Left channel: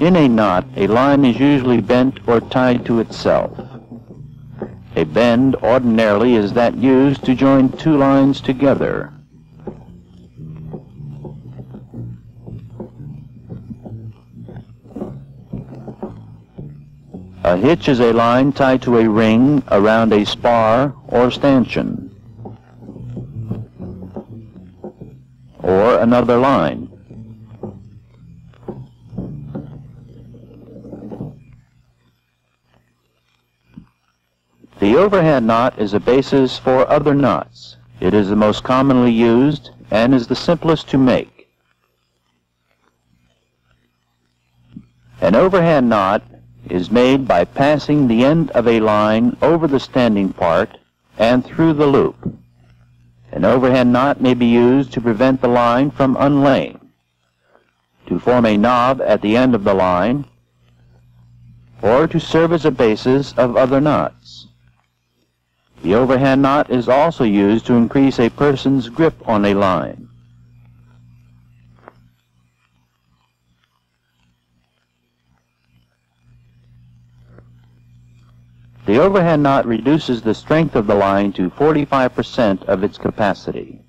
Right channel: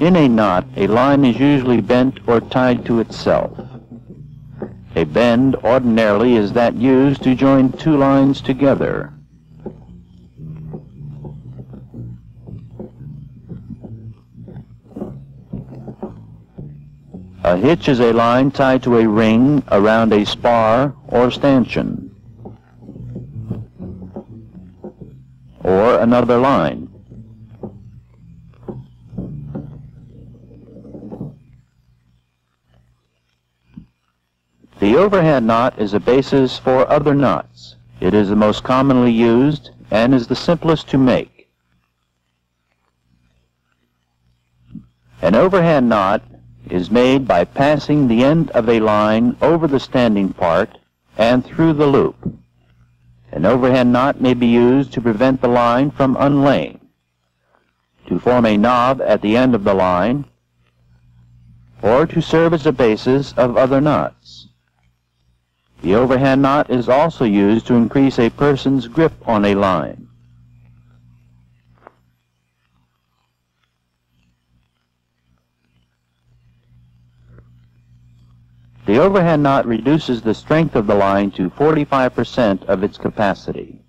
In a knot, a line is usually bent or tied to itself. A bend ordinarily is that used to join two lines together. A hitch is a line tied to a ring around a spar or stanchion, or another line. The overhand knot is a basis for other knots. It is the most commonly used and is the simplest to make. An overhand knot is made by passing the end of a line over the standing part and through the loop. An overhand knot may be used to prevent the line from unlaying, to form a knob at the end of the line, or to serve as a basis of other knots. The overhand knot is also used to increase a person's grip on a line. The overhand knot reduces the strength of the line to 45% of its capacity.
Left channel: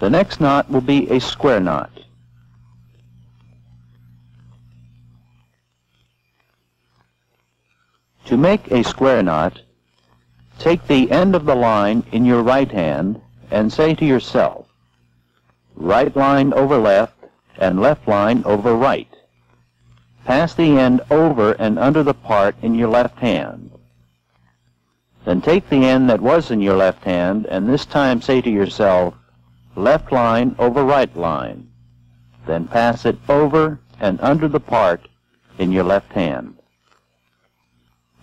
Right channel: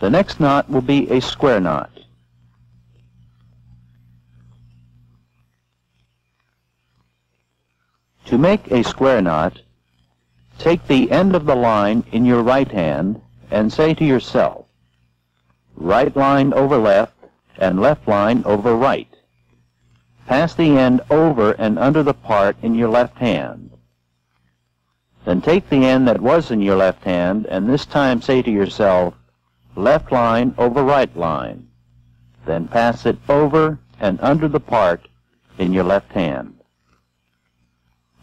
The next knot will be a square knot. To make a square knot, take the end of the line in your right hand and say to yourself, right line over left and left line over right. Pass the end over and under the part in your left hand. Then take the end that was in your left hand and this time say to yourself, left line over right line. Then pass it over and under the part in your left hand.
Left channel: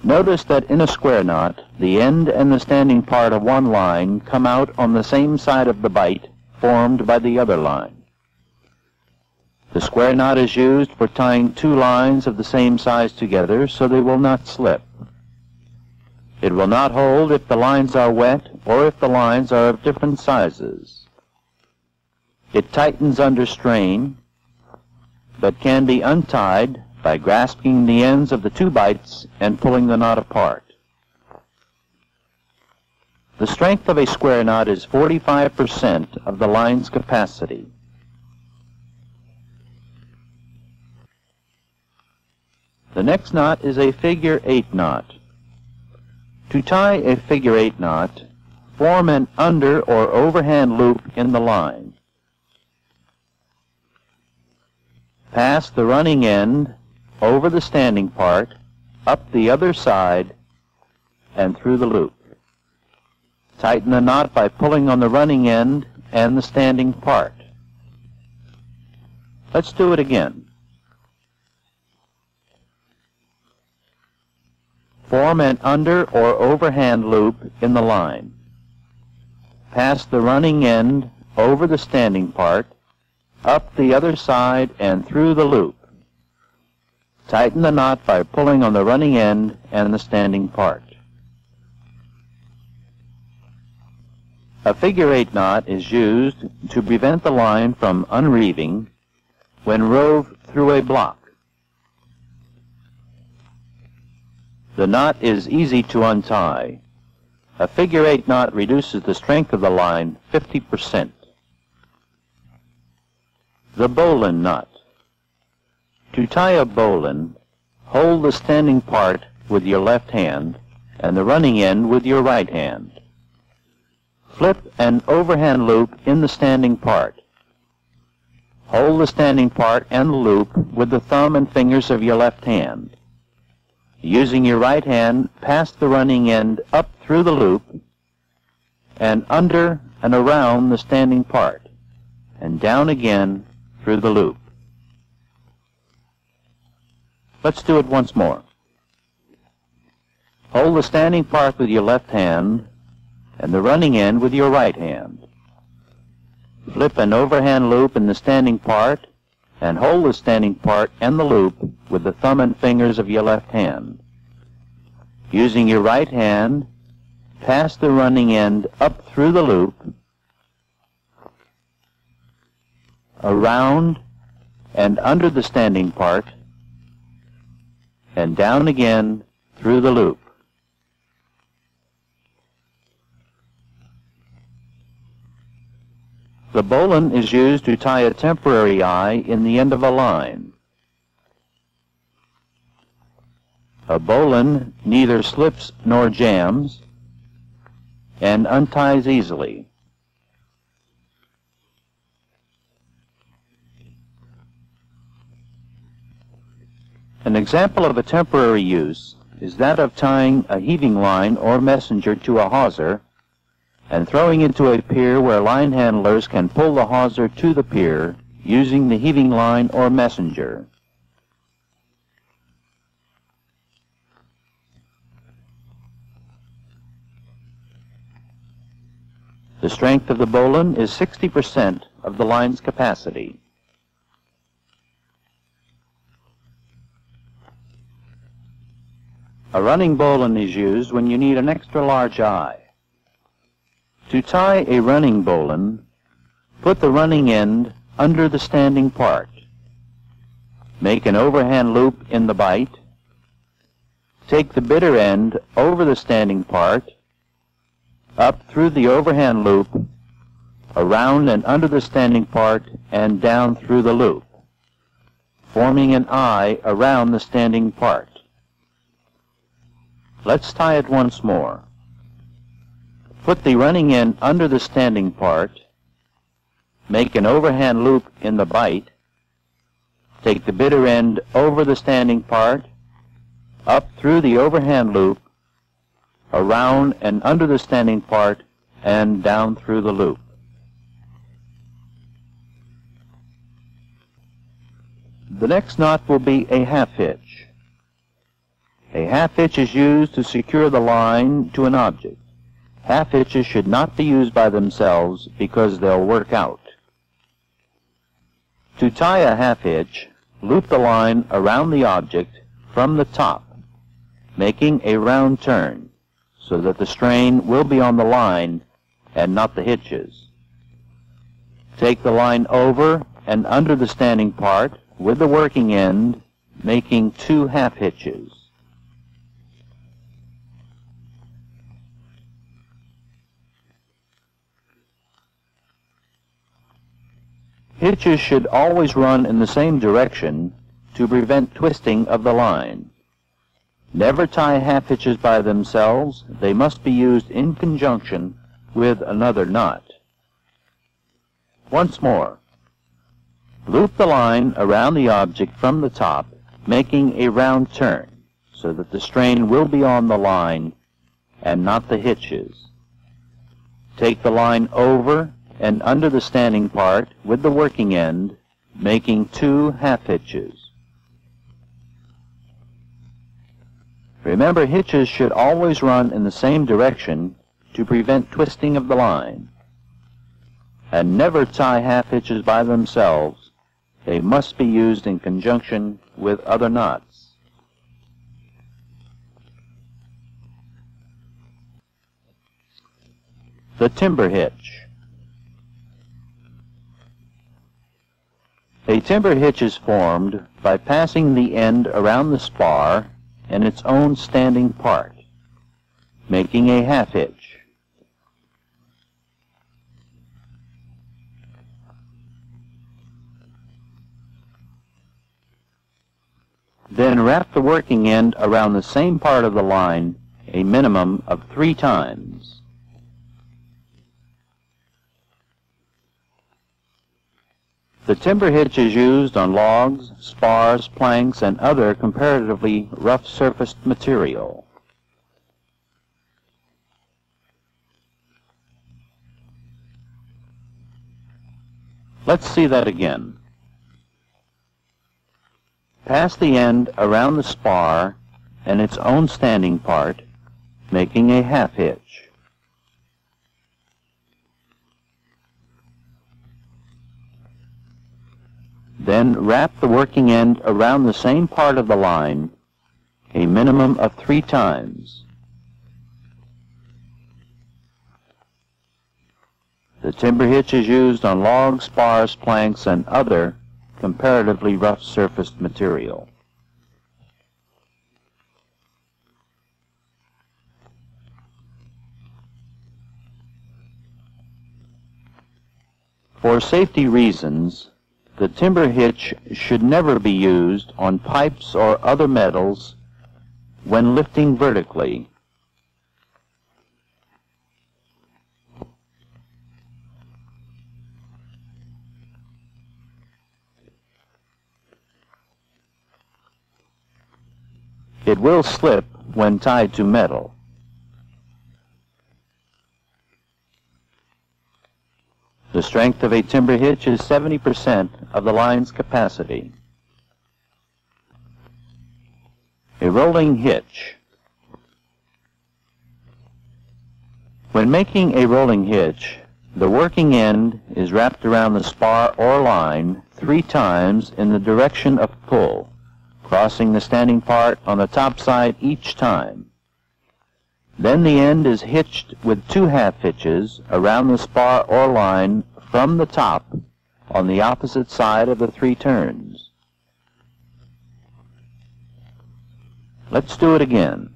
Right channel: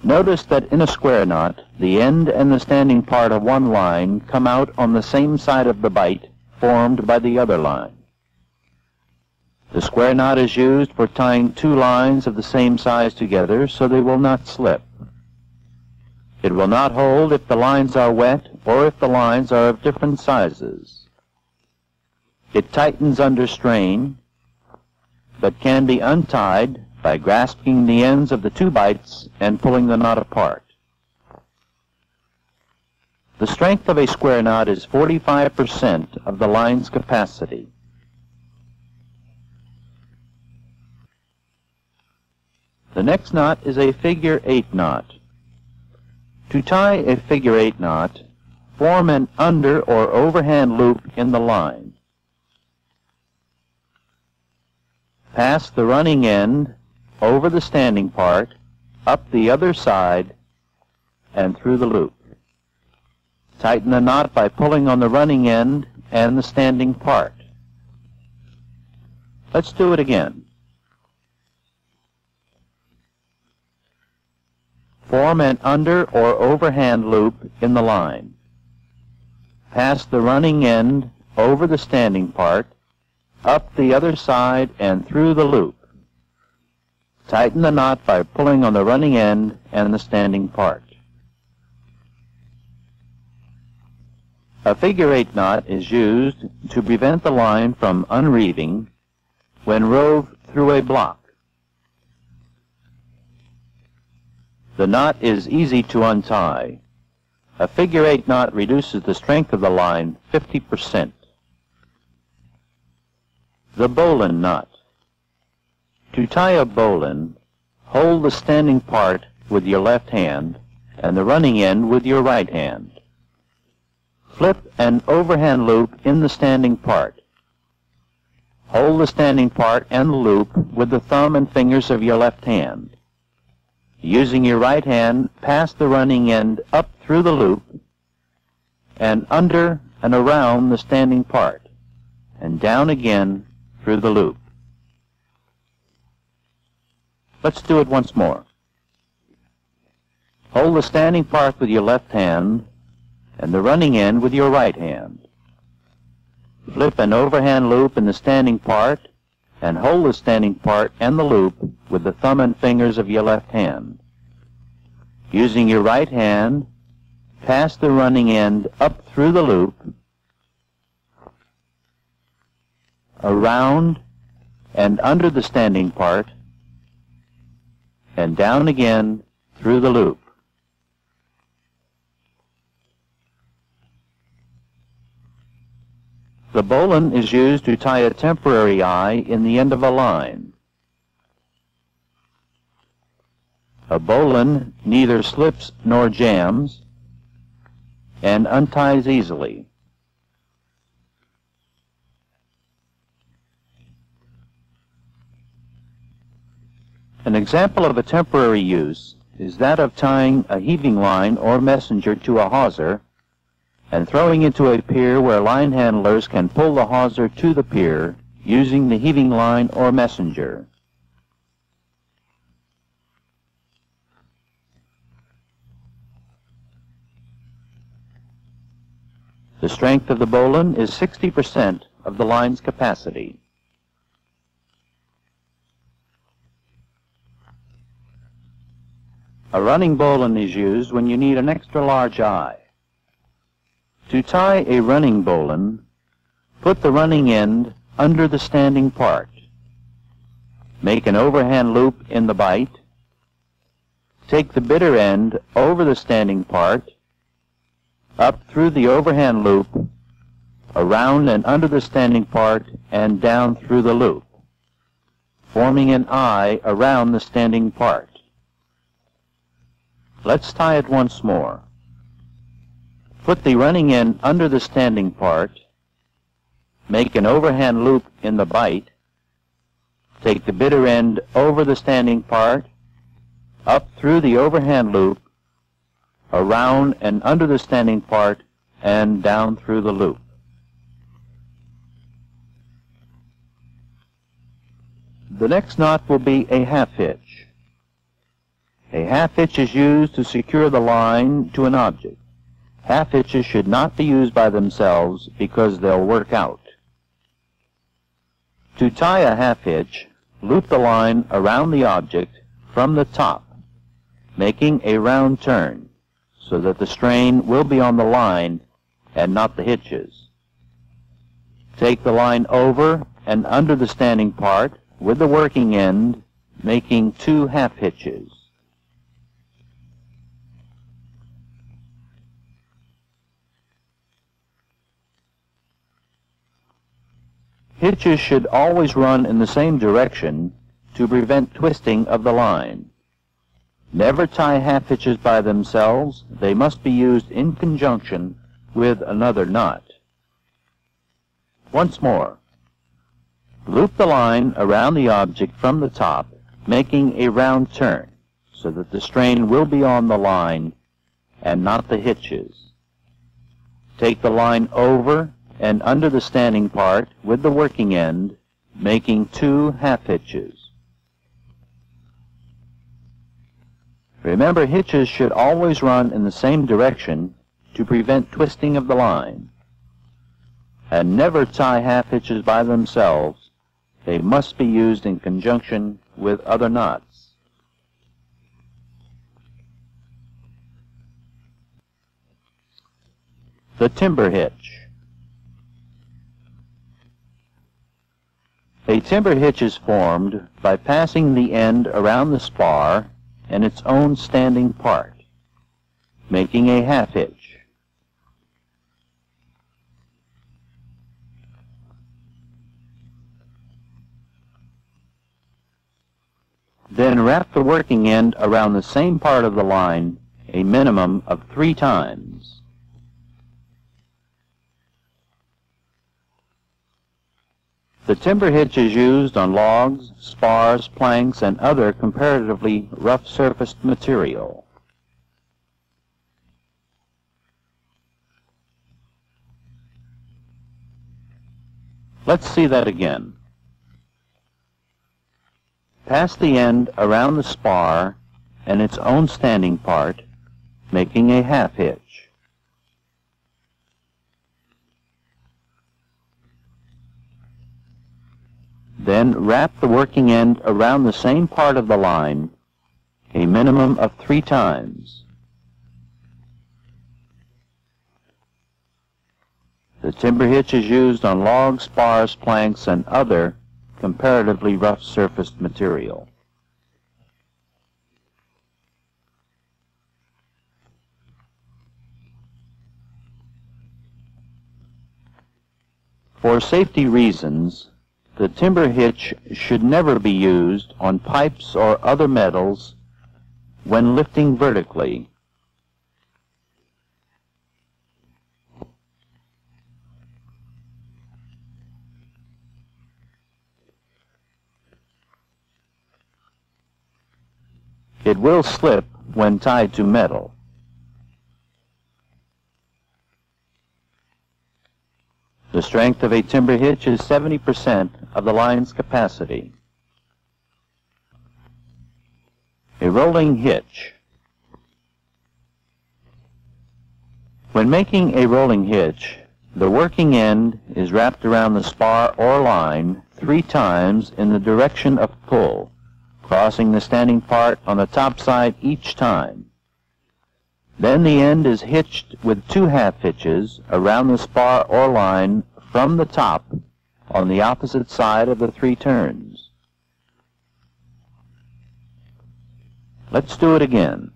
Notice that in a square knot, the end and the standing part of one line come out on the same side of the bite formed by the other line. The square knot is used for tying two lines of the same size together so they will not slip. It will not hold if the lines are wet or if the lines are of different sizes. It tightens under strain, but can be untied by grasping the ends of the two bites and pulling the knot apart. The strength of a square knot is 45% of the line's capacity. The next knot is a figure 8 knot. To tie a figure 8 knot, form an under or overhand loop in the line. Pass the running end over the standing part, up the other side, and through the loop. Tighten the knot by pulling on the running end and the standing part. Let's do it again. Form an under or overhand loop in the line. Pass the running end over the standing part, up the other side, and through the loop. Tighten the knot by pulling on the running end and the standing part. A figure 8 knot is used to prevent the line from unreeving when rove through a block. The knot is easy to untie. A figure 8 knot reduces the strength of the line 50%. The bowline knot. To tie a bowline, hold the standing part with your left hand and the running end with your right hand. Flip an overhand loop in the standing part. Hold the standing part and the loop with the thumb and fingers of your left hand. Using your right hand, pass the running end up through the loop and under and around the standing part, and down again through the loop. Let's do it once more. Hold the standing part with your left hand and the running end with your right hand. Flip an overhand loop in the standing part and hold the standing part and the loop with the thumb and fingers of your left hand. Using your right hand, pass the running end up through the loop, around and under the standing part, and down again through the loop. The bowline is used to tie a temporary eye in the end of a line. A bowline neither slips nor jams and unties easily. An example of a temporary use is that of tying a heaving line or messenger to a hawser and throwing it to a pier where line handlers can pull the hawser to the pier using the heaving line or messenger. The strength of the bowline is 60% of the line's capacity. A running bowline is used when you need an extra large eye. To tie a running bowline, put the running end under the standing part. Make an overhand loop in the bight. Take the bitter end over the standing part, up through the overhand loop, around and under the standing part, and down through the loop, forming an eye around the standing part. Let's tie it once more. Put the running end under the standing part, make an overhand loop in the bight, take the bitter end over the standing part, up through the overhand loop, around and under the standing part, and down through the loop. The next knot will be a half hitch. A half hitch is used to secure the line to an object. Half hitches should not be used by themselves because they'll work out. To tie a half hitch, loop the line around the object from the top, making a round turn, so that the strain will be on the line and not the hitches. Take the line over and under the standing part with the working end, making 2 half hitches. Hitches should always run in the same direction to prevent twisting of the line. Never tie half hitches by themselves. They must be used in conjunction with another knot. Once more, loop the line around the object from the top, making a round turn, so that the strain will be on the line and not the hitches. Take the line over and under the standing part with the working end, making 2 half hitches. Remember, hitches should always run in the same direction to prevent twisting of the line. And never tie half hitches by themselves. They must be used in conjunction with other knots. The timber hitch. A timber hitch is formed by passing the end around the spar and its own standing part, making a half hitch. Then wrap the working end around the same part of the line a minimum of 3 times. The timber hitch is used on logs, spars, planks, and other comparatively rough-surfaced material. Let's see that again. Pass the end around the spar and its own standing part, making a half hitch. Then wrap the working end around the same part of the line a minimum of 3 times. The timber hitch is used on logs, spars, planks, and other comparatively rough surfaced material. For safety reasons, the timber hitch should never be used on pipes or other metals when lifting vertically. It will slip when tied to metal. The strength of a timber hitch is 70% of the line's capacity. A rolling hitch. When making a rolling hitch, the working end is wrapped around the spar or line 3 times in the direction of pull, crossing the standing part on the top side each time. Then the end is hitched with 2 half hitches around the spar or line from the top on the opposite side of the 3 turns. Let's do it again.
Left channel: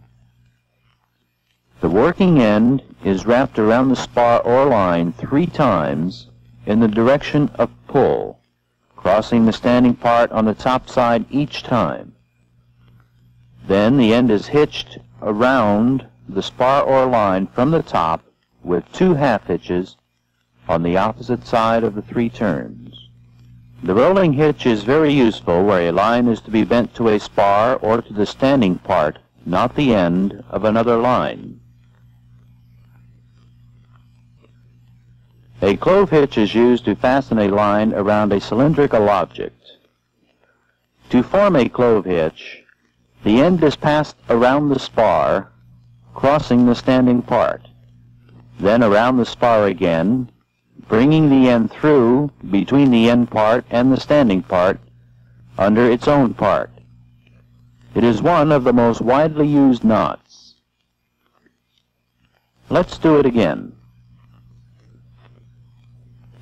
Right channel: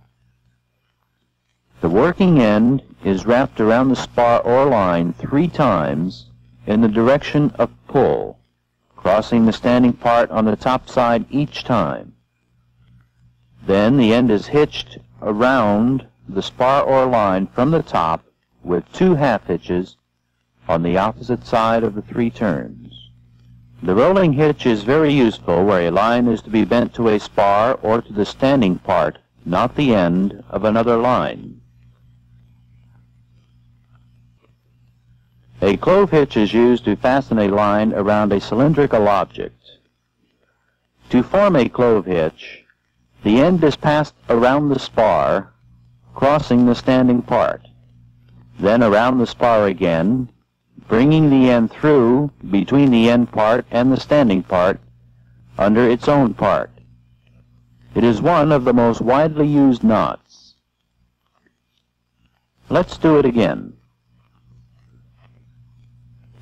The working end is wrapped around the spar or line 3 times in the direction of pull, crossing the standing part on the top side each time. Then the end is hitched around the spar or line from the top with 2 half hitches on the opposite side of the 3 turns. The rolling hitch is very useful where a line is to be bent to a spar or to the standing part, not the end of another line. A clove hitch is used to fasten a line around a cylindrical object. To form a clove hitch, the end is passed around the spar, crossing the standing part, then around the spar again, bringing the end through between the end part and the standing part under its own part. It is one of the most widely used knots. Let's do it again.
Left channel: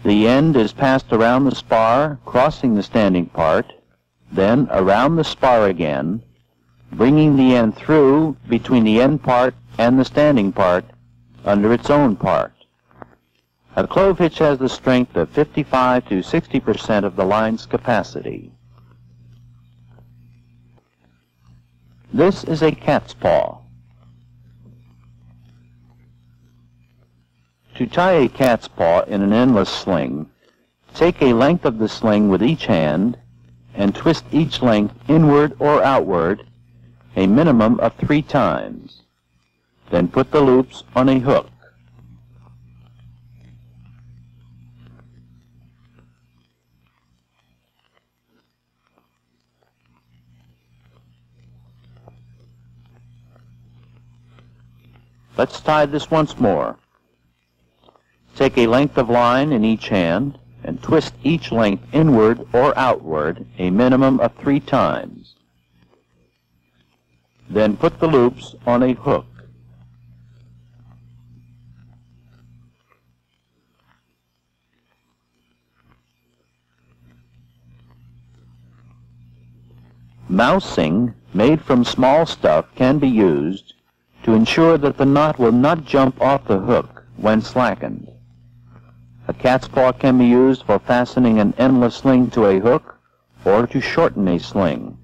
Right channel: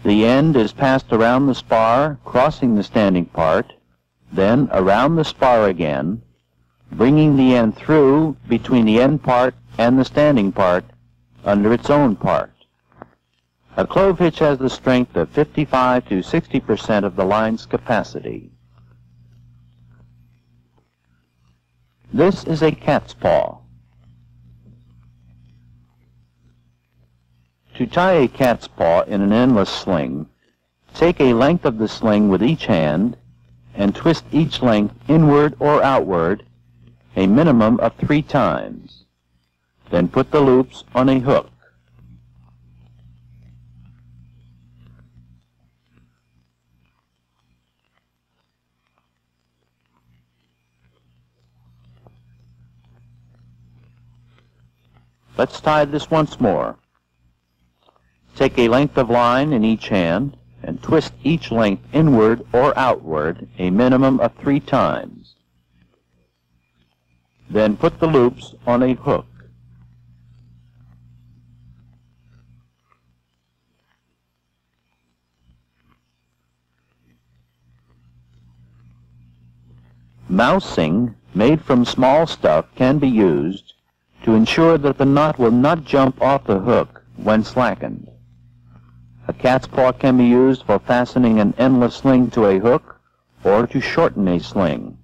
The end is passed around the spar, crossing the standing part, then around the spar again, bringing the end through between the end part and the standing part under its own part. A clove hitch has the strength of 55 to 60% of the line's capacity. This is a cat's paw. To tie a cat's paw in an endless sling, take a length of the sling with each hand and twist each length inward or outward a minimum of 3 times. Then put the loops on a hook. Let's tie this once more. Take a length of line in each hand and twist each length inward or outward a minimum of 3 times. Then put the loops on a hook. Mousing made from small stuff can be used to ensure that the knot will not jump off the hook when slackened. A cat's paw can be used for fastening an endless sling to a hook or to shorten a sling.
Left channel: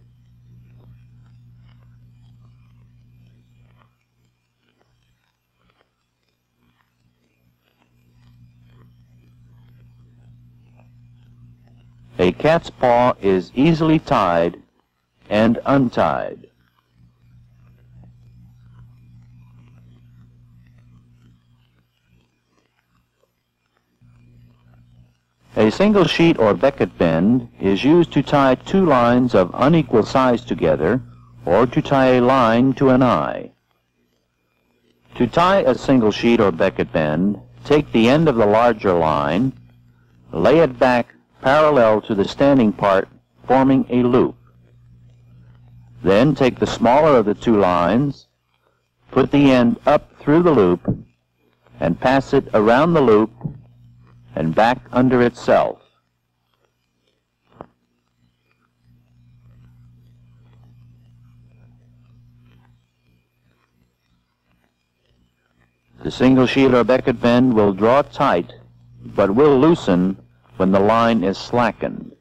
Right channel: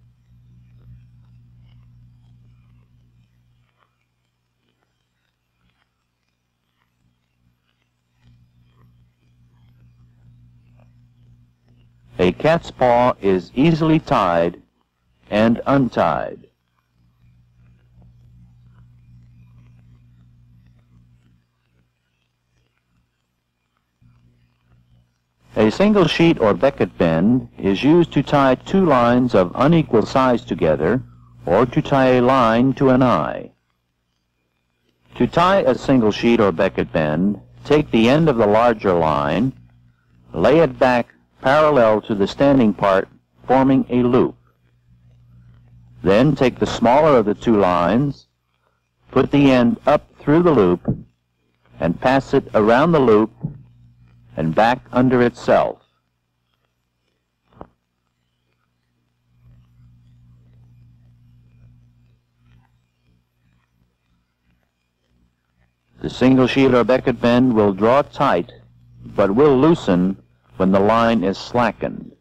A cat's paw is easily tied and untied. A single sheet or Beckett bend is used to tie 2 lines of unequal size together or to tie a line to an eye. To tie a single sheet or Beckett bend, take the end of the larger line, lay it back parallel to the standing part, forming a loop. Then take the smaller of the 2 lines, put the end up through the loop, and pass it around the loop and back under itself. The single sheet or becket bend will draw tight, but will loosen when the line is slackened.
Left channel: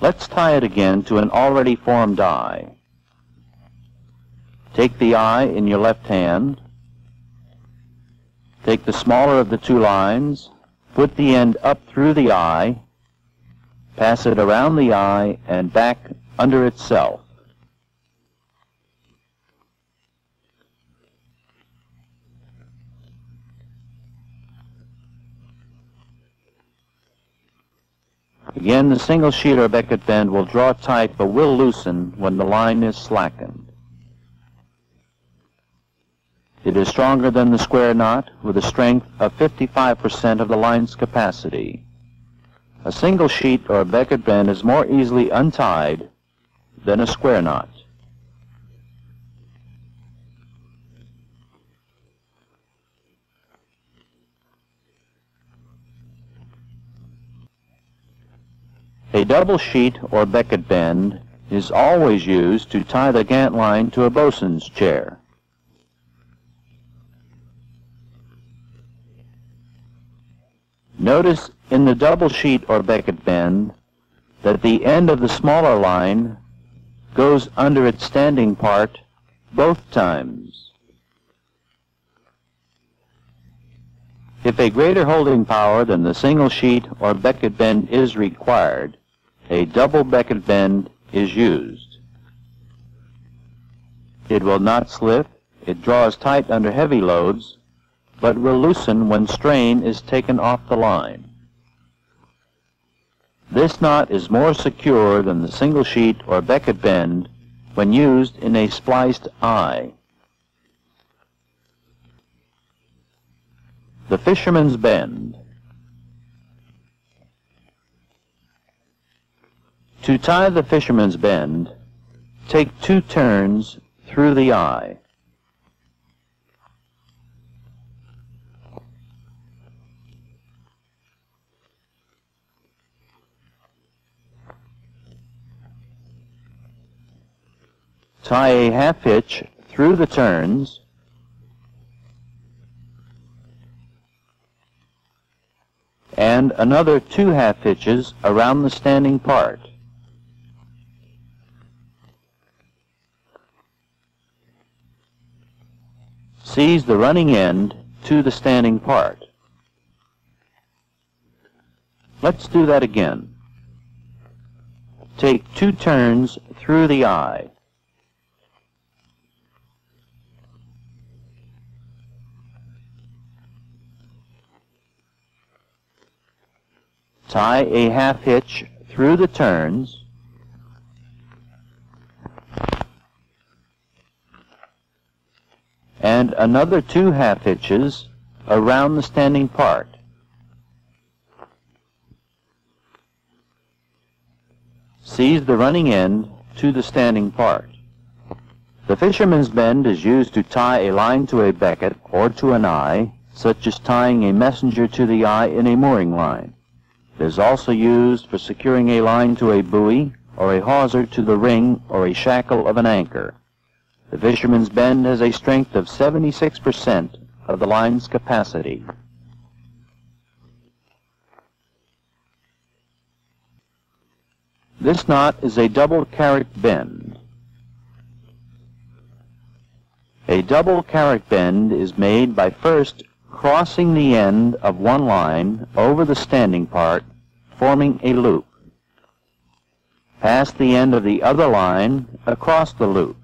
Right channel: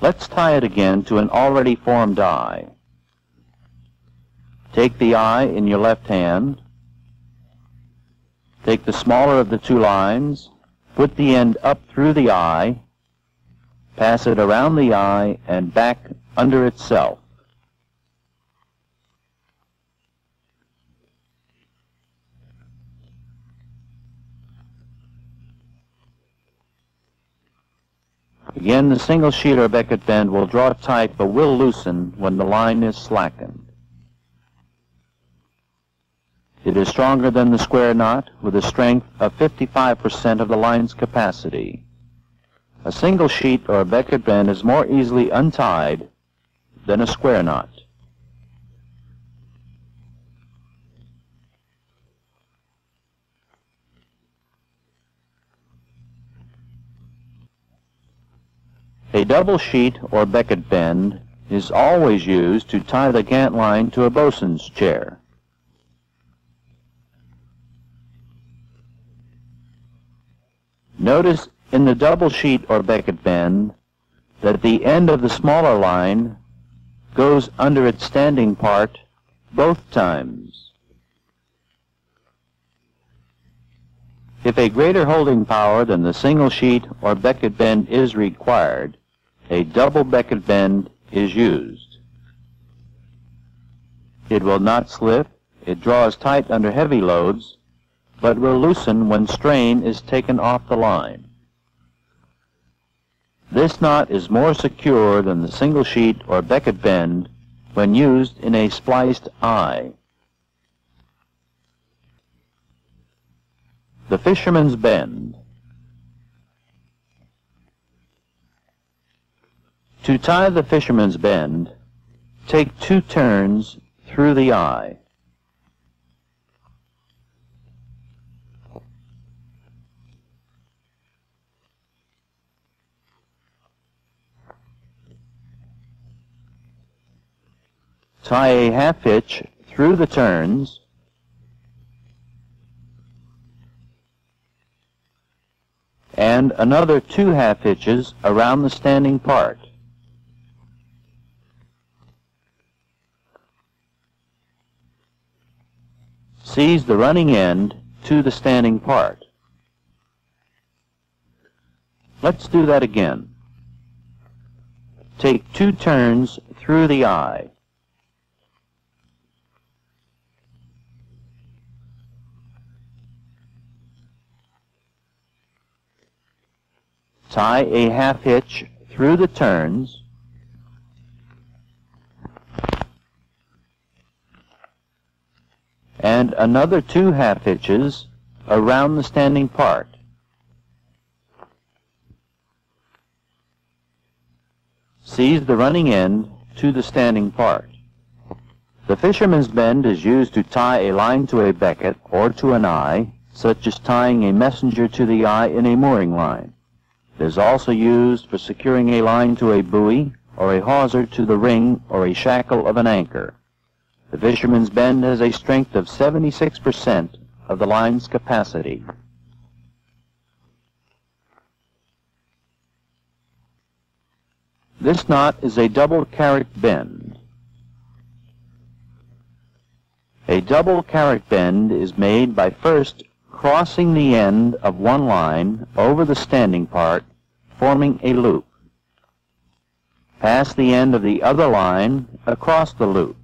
Let's tie it again to an already formed eye. Take the eye in your left hand. Take the smaller of the two lines, put the end up through the eye, pass it around the eye and back under itself. Again, the single sheet or becket bend will draw tight but will loosen when the line is slackened. It is stronger than the square knot with a strength of 55% of the line's capacity. A single sheet or becket bend is more easily untied than a square knot. A double sheet or becket bend is always used to tie the gant line to a bosun's chair. Notice in the double sheet or becket bend that the end of the smaller line goes under its standing part both times. If a greater holding power than the single sheet or becket bend is required, a double becket bend is used. It will not slip, it draws tight under heavy loads, but will loosen when strain is taken off the line. This knot is more secure than the single sheet or becket bend when used in a spliced eye. The fisherman's bend. To tie the fisherman's bend, take 2 turns through the eye. Tie a half hitch through the turns and another 2 half hitches around the standing part. Seize the running end to the standing part. Let's do that again. Take 2 turns through the eye. Tie a half hitch through the turns and another 2 half hitches around the standing part. Seize the running end to the standing part. The fisherman's bend is used to tie a line to a becket or to an eye, such as tying a messenger to the eye in a mooring line. It is also used for securing a line to a buoy or a hawser to the ring or a shackle of an anchor. The fisherman's bend has a strength of 76% of the line's capacity. This knot is a double carrick bend. A double carrick bend is made by first crossing the end of one line over the standing part, forming a loop. Pass the end of the other line across the loop.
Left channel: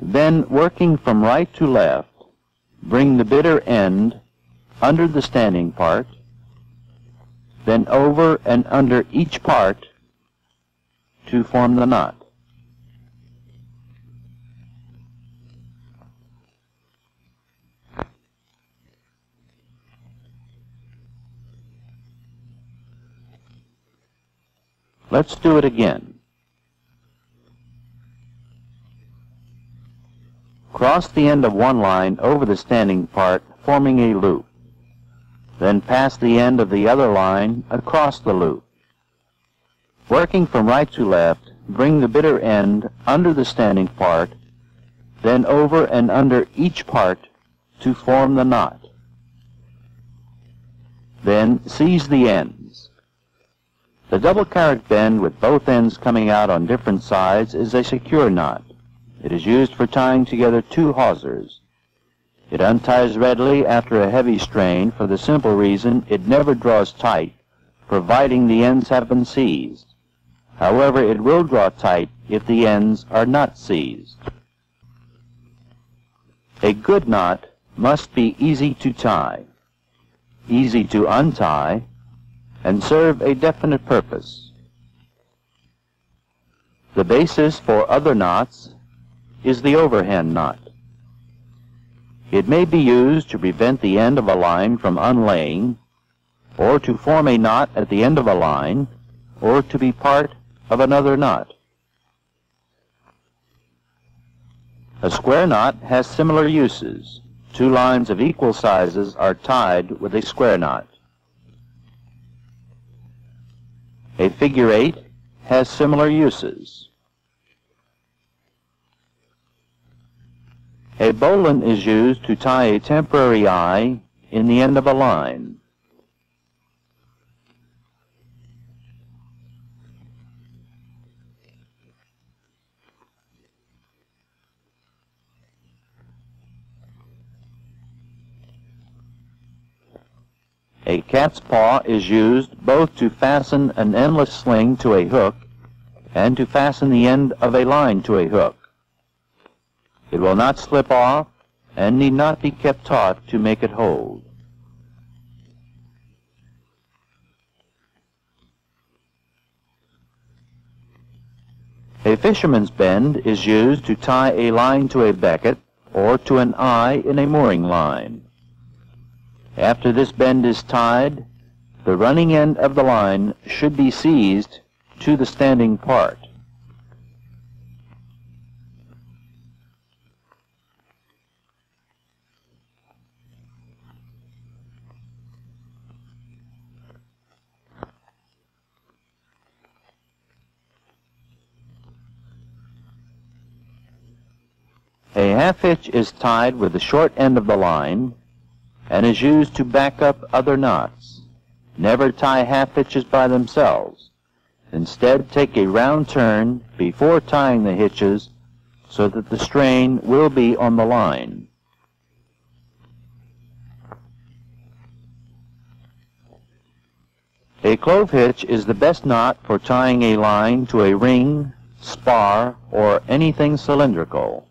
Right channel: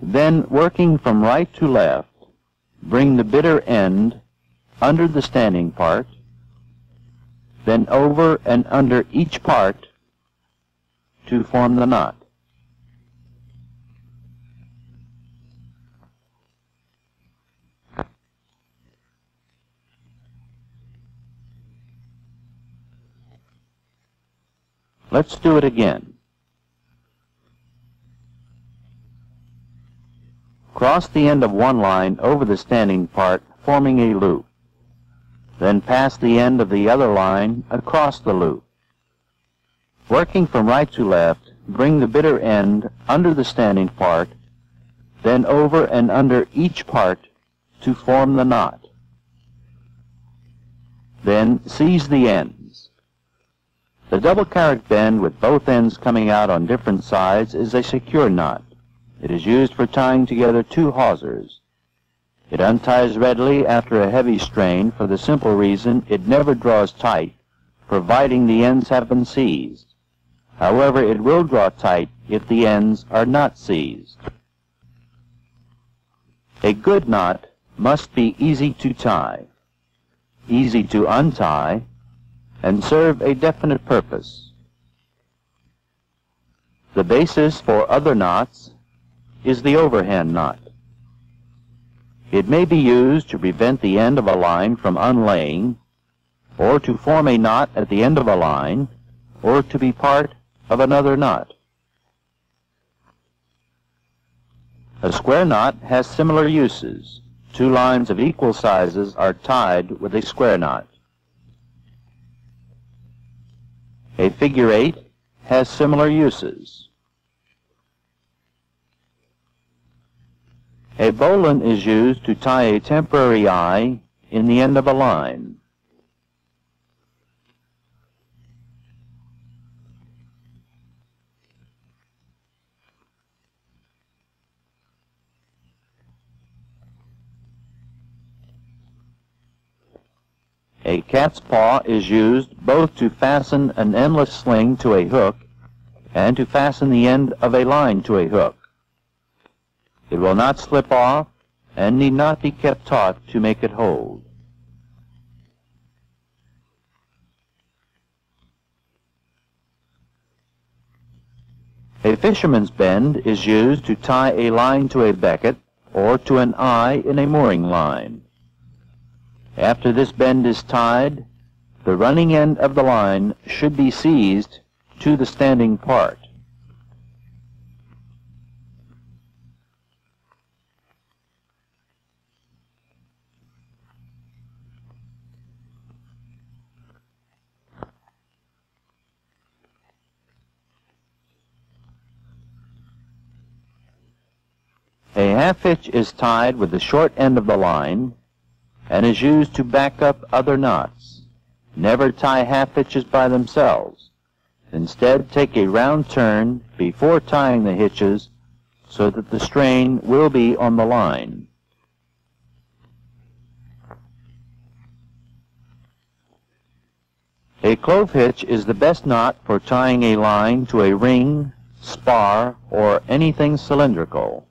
Then, working from right to left, bring the bitter end under the standing part, then over and under each part to form the knot. Let's do it again. Cross the end of one line over the standing part, forming a loop. Then pass the end of the other line across the loop. Working from right to left, bring the bitter end under the standing part, then over and under each part to form the knot. Then seize the ends. A double carrot bend with both ends coming out on different sides is a secure knot. It is used for tying together two hawsers. It unties readily after a heavy strain for the simple reason it never draws tight, providing the ends have been seized. However, it will draw tight if the ends are not seized. A good knot must be easy to tie, easy to untie, and serve a definite purpose. The basis for other knots is the overhand knot. It may be used to prevent the end of a line from unlaying, or to form a knot at the end of a line, or to be part of another knot. A square knot has similar uses. Two lines of equal sizes are tied with a square knot. A figure eight has similar uses. A bowline is used to tie a temporary eye in the end of a line. A cat's paw is used both to fasten an endless sling to a hook and to fasten the end of a line to a hook. It will not slip off and need not be kept taut to make it hold. A fisherman's bend is used to tie a line to a becket or to an eye in a mooring line. After this bend is tied, the running end of the line should be seized to the standing part. A half hitch is tied with the short end of the line and is used to back up other knots. Never tie half hitches by themselves. Instead, take a round turn before tying the hitches so that the strain will be on the line. A clove hitch is the best knot for tying a line to a ring, spar, or anything cylindrical.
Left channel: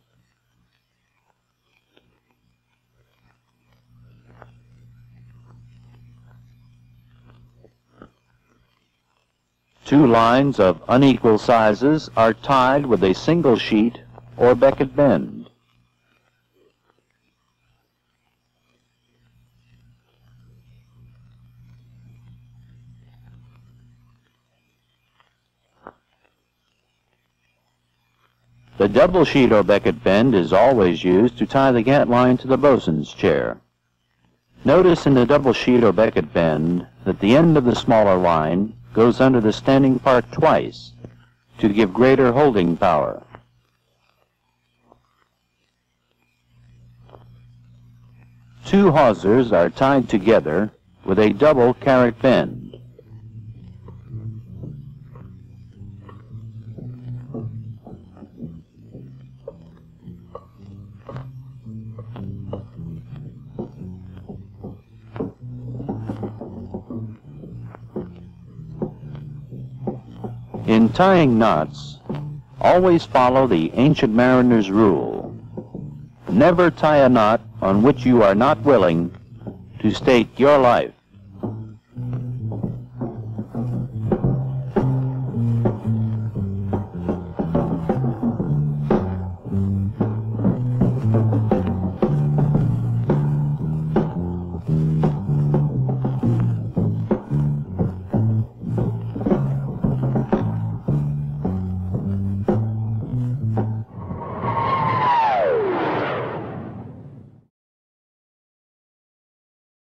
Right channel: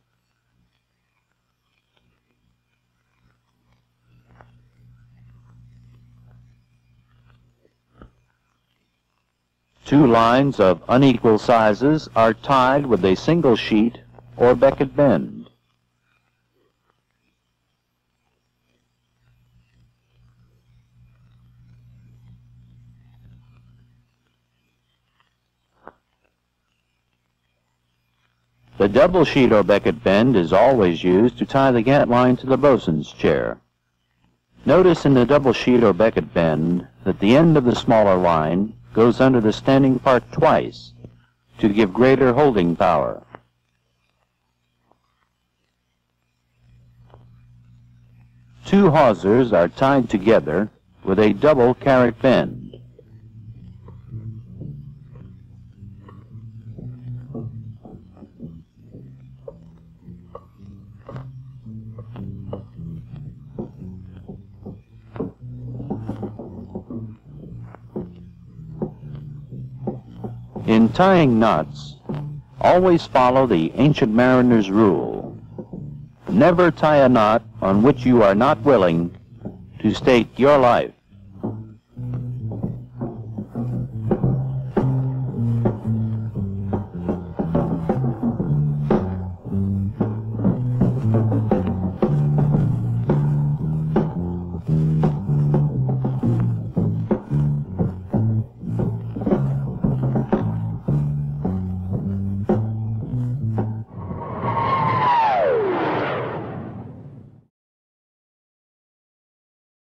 Two lines of unequal sizes are tied with a single sheet or becket bend. The double sheet or becket bend is always used to tie the gat line to the bosun's chair. Notice in the double sheet or becket bend that the end of the smaller line goes under the standing part twice to give greater holding power. Two hawsers are tied together with a double carrot bend. In tying knots, always follow the ancient mariner's rule. Never tie a knot on which you are not willing to stake your life.